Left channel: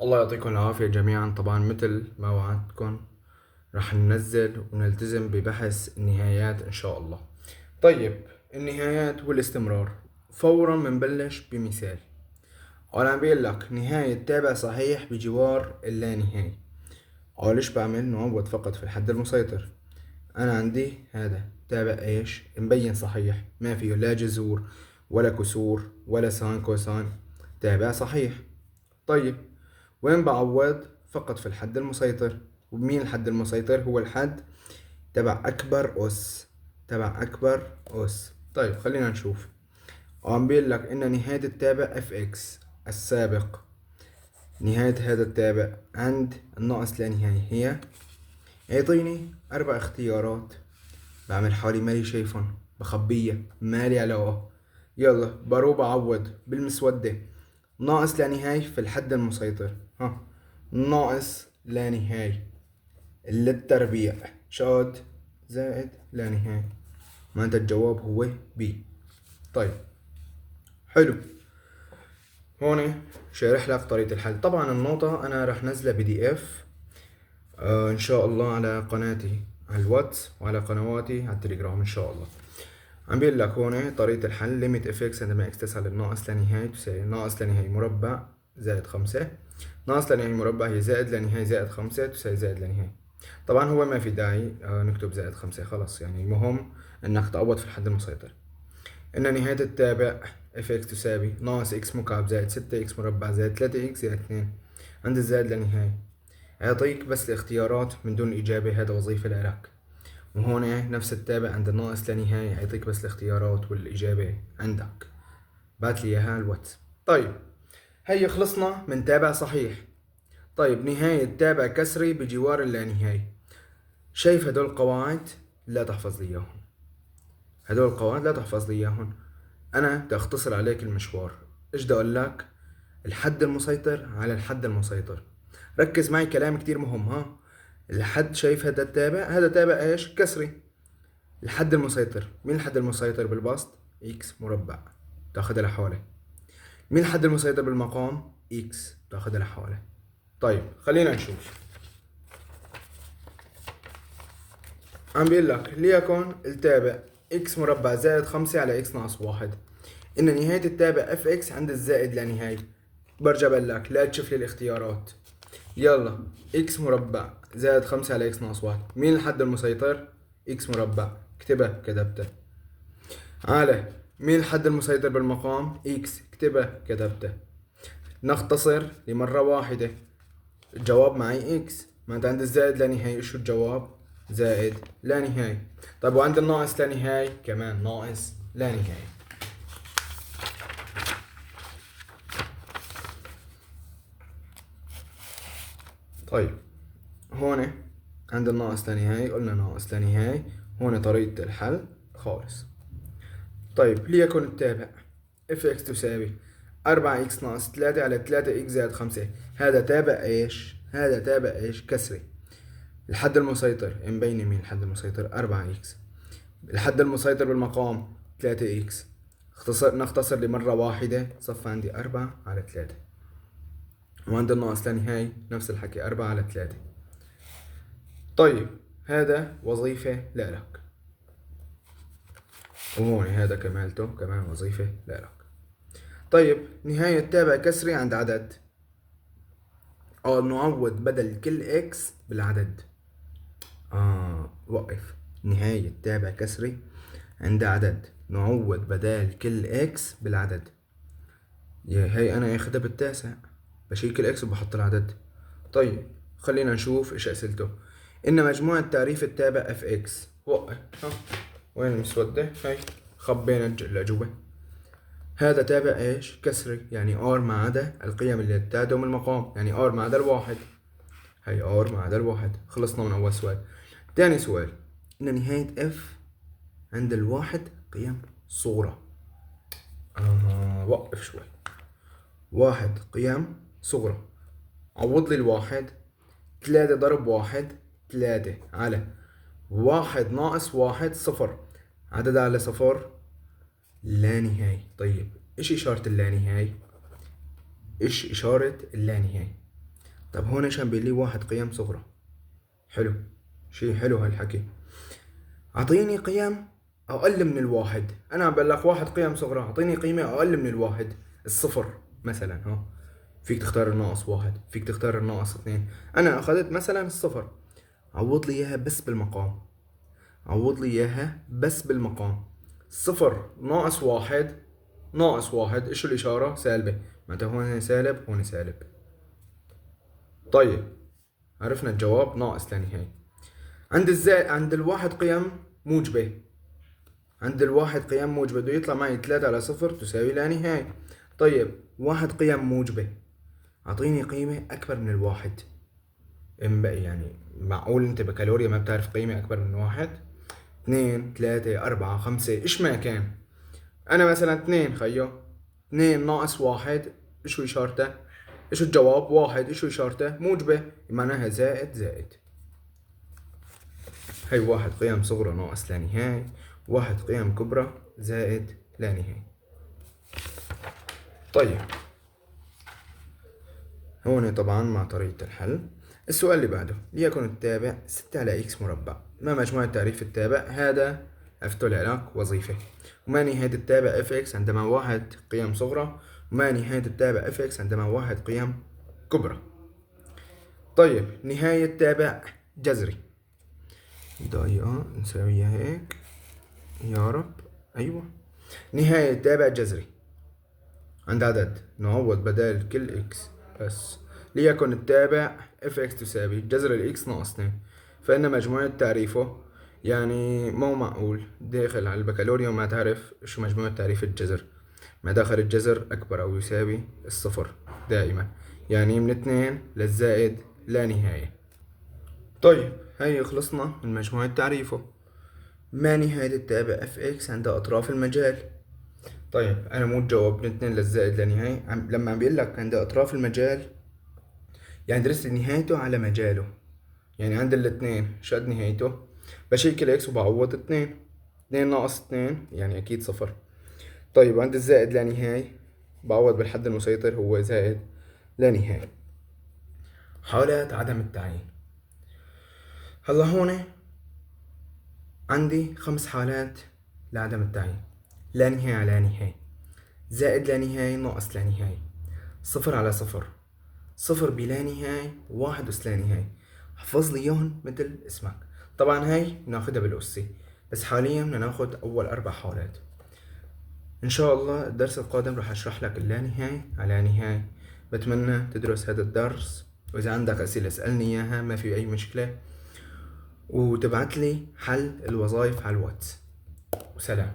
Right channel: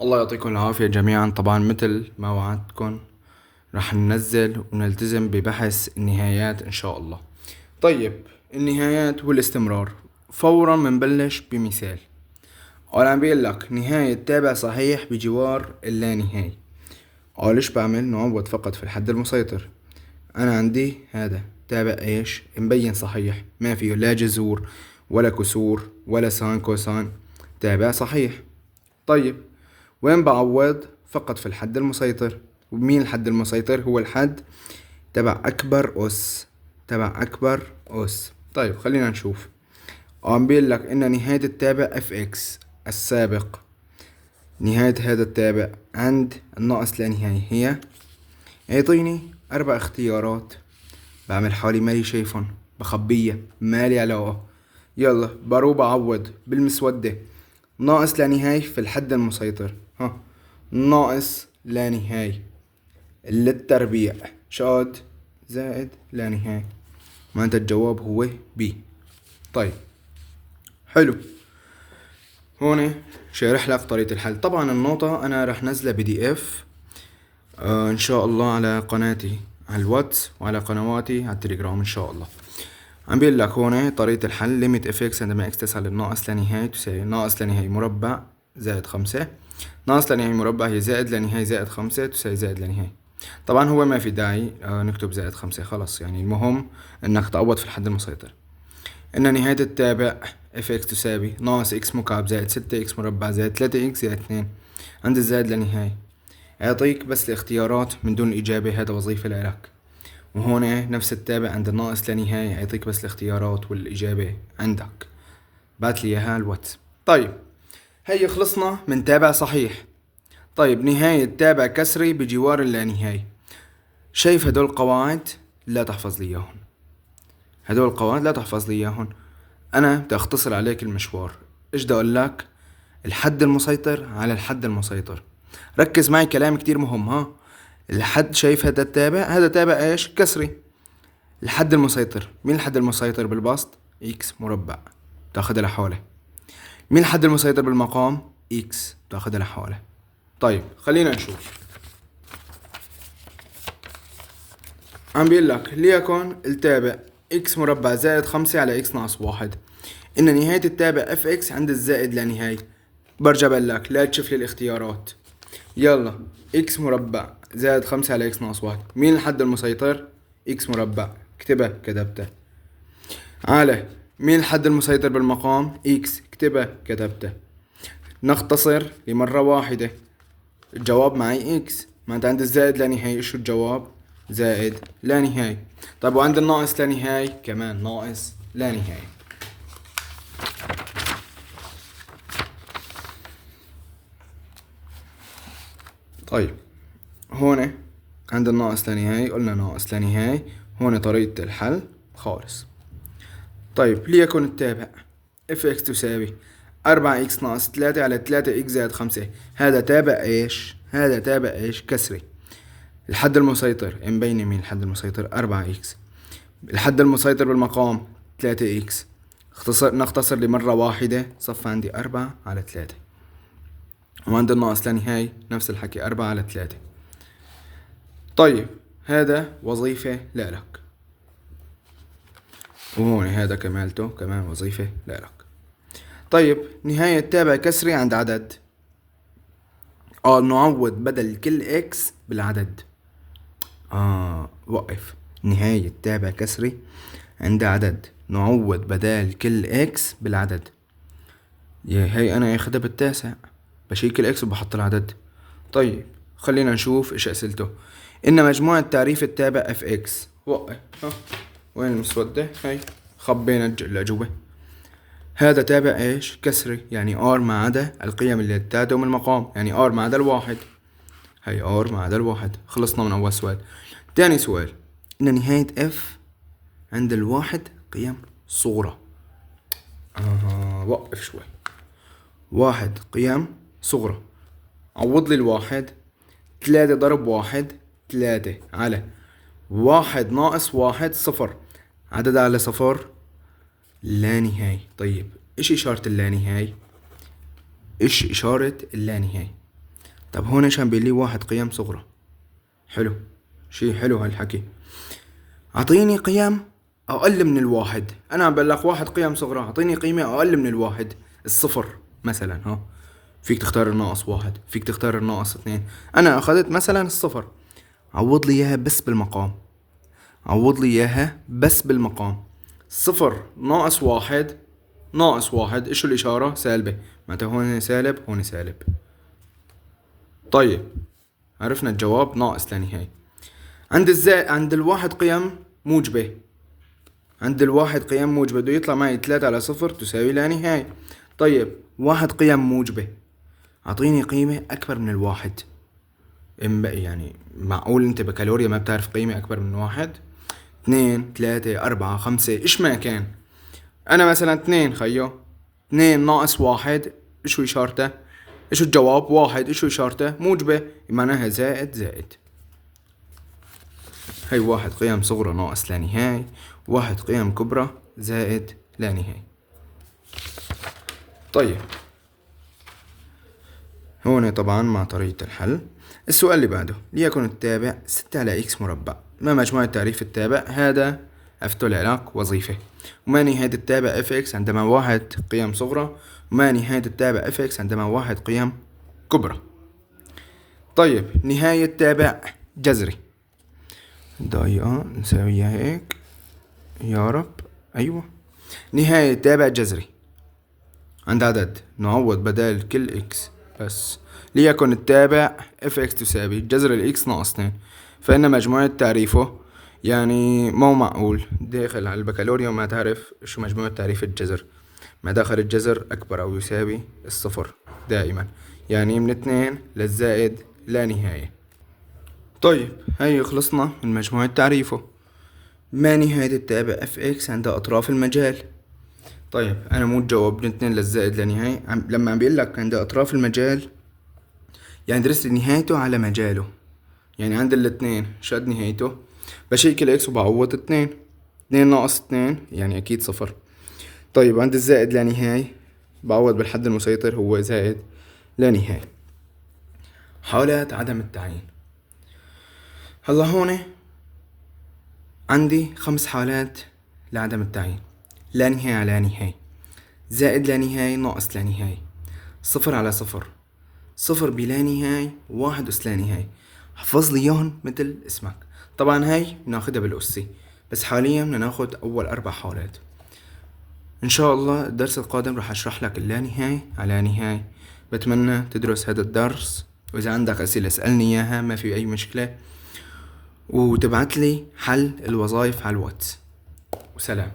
الله يعطيكم العافية جميعا. طبعا مثل ما وعدتكم رح ننزل ونلتزم ببحث النهايات إن شاء الله. طيب، النهايات والاستمرار. فورا منبلش بمثال. أنا عم بيقول لك نهاية تابع صحيح بجوار اللانهاية. ليش بعمل نعوض فقط في الحد المسيطر؟ أنا عندي هذا تابع إيش مبين صحيح، ما فيه لا جذور ولا كسور ولا ساين كوساين، تابع صحيح. طيب، وين بعوض؟ فقط في الحد المسيطر. ومين الحد المسيطر؟ هو الحد تبع أكبر أس، تبع أكبر أس. طيب خلينا نشوف. عم بيقول لك إن نهاية التابع اف اكس السابق، نهاية هذا التابع عند الناقص لا نهاية هي، يعطيني 4 اختيارات. بعمل حالي مالي شايفهم، بخبيها مالي علاقة. يلا بروح بعوض بالمسودة. ناقص لا نهاية في الحد المسيطر، ناقص لا نهاية للتربيع شاد زائد لا نهاية، معناتها الجواب هو بي. طيب حلو، هون شارح لك طريقة الحل. طبعا النوطة انا رح نزلها بي دي اف ان شاء الله على قناتي على الواتس وعلى قنواتي على التليجرام ان شاء الله. عم بيقول لك هون طريقة الحل. ليميت اف اكس عندما اكس تسعى للناقص لا نهاية تساوي ناقص لا نهاية مربع زائد 5. ناقص لا نهاية مربع هي زائد لا نهاية زائد 5 تساوي زائد لا نهاية. طبعا هو ما في داعي نكتب زائد 5 خلص، يعني المهم انك تعوض في الحد المسيطر. ان نهاية التابع اف اكس تساوي ناقص اكس مكعب زائد 6 اكس مربع زائد 3 اكس زائد 2. عند الزائد لا نهاية يعطيك بس الاختيارات من دون الإجابة، هذا وظيفة لك. وهون نفس التابع عند الناقص لا نهاية يعطيك بس الاختيارات والإجابة عندك. بات لي إياها الواتس. طيب هي خلصنا من تابع صحيح. طيب نهاية تابع كسري بجوار اللانهاية. شايف هدول القواعد؟ لا تحفظ لي إياهم. هدول القواعد لا تحفظ لي إياهم. أنا بدي أختصر عليك المشوار. إيش بدي أقول لك؟ الحد المسيطر على الحد المسيطر. ركز معي، كلام كتير مهم. الحد، شايف هذا التابع؟ هذا تابع إيش؟ كسري. الحد المسيطر، مين الحد المسيطر بالبسط؟ إكس مربع، تاخدها لحوله. مين الحد المسيطر بالمقام؟ إكس، تاخدها لحوله. طيب خلينا نشوف. عم بيقول لك ليكن التابع اكس مربع زائد 5 على اكس ناقص 1. ان نهاية التابع اف اكس عند الزائد لا نهاية. برجع بقول لك لا تشوف لي الاختيارات. يلا، اكس مربع زائد 5 على اكس ناقص 1، مين الحد المسيطر؟ اكس مربع، اكتبها كتبتها. على مين الحد المسيطر بالمقام؟ اكس، اكتبها كتبتها. نختصر لمرة واحدة، الجواب معي اكس، ما انت عند الزائد لا نهاية شو الجواب؟ زائد لا نهاية. طيب وعند الناقص لا نهاية كمان ناقص لا نهاية. طيب هون عند الناقص لا نهاية قلنا ناقص لا نهاية، هون طريقة الحل خالص. طيب ليكن التابع اف اكس تساوي 4 اكس ناقص 3 على 3 اكس زائد 5. هذا تابع ايش؟ هذا تابع ايش؟ كسري. الحد المسيطر مبين مين الحد المسيطر؟ 4 اكس. الحد المسيطر بالمقام 3 اكس. نختصر لمرة واحدة، صف عندي 4 على 3. وعند الناقص لا نهاية نفس الحكي 4 على 3. طيب هذا وظيفة لك، وهون هذا كمالته كمان وظيفة لك. طيب نهاية تابع كسري عند عدد. نعوض بدل كل اكس بالعدد. وقف. نهاية تابع كسري عند عدد، نعوض بدال كل اكس بالعدد. هي انا اخدها بالتاسع، بشيل الاكس وبحط العدد. طيب خلينا نشوف ايش اسئلته. ان مجموعة تعريف التابع اف اكس. وقف. وين المسودة؟ هاي خبينا الاجوبة. هذا تابع ايش؟ كسري، يعني ار ما عدا القيم اللي تدعم المقام، يعني ار ما عدا الواحد. هي ار ما عدا الواحد. خلصنا من اول سؤال. تاني سؤال، ان نهاية اف عند الواحد قيم صغرى. وقف شوي. واحد قيم صغرى، عوض لي الواحد. 3 ضرب واحد 3 على واحد ناقص واحد صفر. عدد على صفر لا نهاية. طيب ايش اشارة اللا نهاية؟ ايش اشارة اللا نهاية؟ طب هون ايش عم بيقول لي؟ واحد قيم صغرى. حلو، شي حلو هالحكي. اعطيني قيم اقل من الواحد. انا عم بقول لك واحد قيم صغرى، اعطيني قيمة اقل من الواحد. الصفر مثلا، ها، فيك تختار الناقص واحد، فيك تختار الناقص اثنين. انا اخذت مثلا الصفر، عوض لي اياها بس بالمقام. عوض لي اياها بس بالمقام. صفر ناقص واحد، ناقص واحد ايش الاشارة؟ سالبة، معناتها هون سالب هون سالب. طيب عرفنا الجواب ناقص لا نهاية. عند الواحد قيم موجبة. عند الواحد قيم موجبة بده يطلع معي 3 على صفر تساوي لا نهاية. طيب واحد قيم موجبة، أعطيني قيمة أكبر من الواحد. يعني معقول أنت بكالوريا ما بتعرف قيمة أكبر من واحد؟ 2 3 4 5 إيش ما كان. أنا مثلا 2 خيو، 2 ناقص واحد إيش إشارته؟ إيش الجواب؟ واحد إيش إشارته؟ موجبة، معناها زائد زائد. هي واحد قيم صغرى ناقص لا نهاية، واحد قيم كبرى زائد لا نهاية. طيب هون طبعا مع طريقة الحل. السؤال اللي بعده، ليكن التابع 6 على إكس مربع، ما مجموعة تعريف التابع؟ هذا أفتل لك وظيفة. وما نهاية التابع اف اكس عندما واحد قيم صغرى، وما نهاية التابع اف اكس عندما واحد قيم كبرى. طيب نهاية تابع جذري، دقيقة نساويها هيك يا رب. أيوة، نهاية تابع جذري عند عدد نعوض بدل كل اكس بس. ليكن التابع اف اكس تساوي جذر الاكس ناقص 2، فإن مجموعة تعريفه، يعني مو معقول داخل على البكالوريا وما تعرف شو مجموعة تعريف الجذر. ما داخل الجذر أكبر أو يساوي الصفر دائما، يعني من 2 للزائد لا نهاية. طيب هاي خلصنا من مجموعة تعريفه. ما نهاية التابع اف اكس عند أطراف المجال؟ طيب انا مو تجاوب من 2 للزائد لا نهاية. لما عم بيقول لك عند اطراف المجال، يعني درست نهايته على مجاله. يعني عند الاثنين شد نهايته، بشيل اكس وبعوض 2. 2 ناقص 2 يعني اكيد صفر. طيب عند الزائد لا نهاية بعوض بالحد المسيطر هو زائد لا نهاية. حالات عدم التعيين. هلا هون عندي 5 حالات لعدم التعيين: لا نهاية على نهاية، زائد لا نهاية ناقص لا نهاية، صفر على صفر، صفر بلا نهاية، واحد أس لا نهاية. حفظ لي إياهم مثل اسمك. طبعا هاي بناخدها بالأسي، بس حاليا بدنا ناخد أول 4 حالات. إن شاء الله الدرس القادم رح أشرح لك اللا نهاية على نهاية. بتمنى تدرس هذا الدرس، وإذا عندك أسئلة اسألني إياها، ما في أي مشكلة، وتبعت لي حل الوظائف على الواتس. وسلام.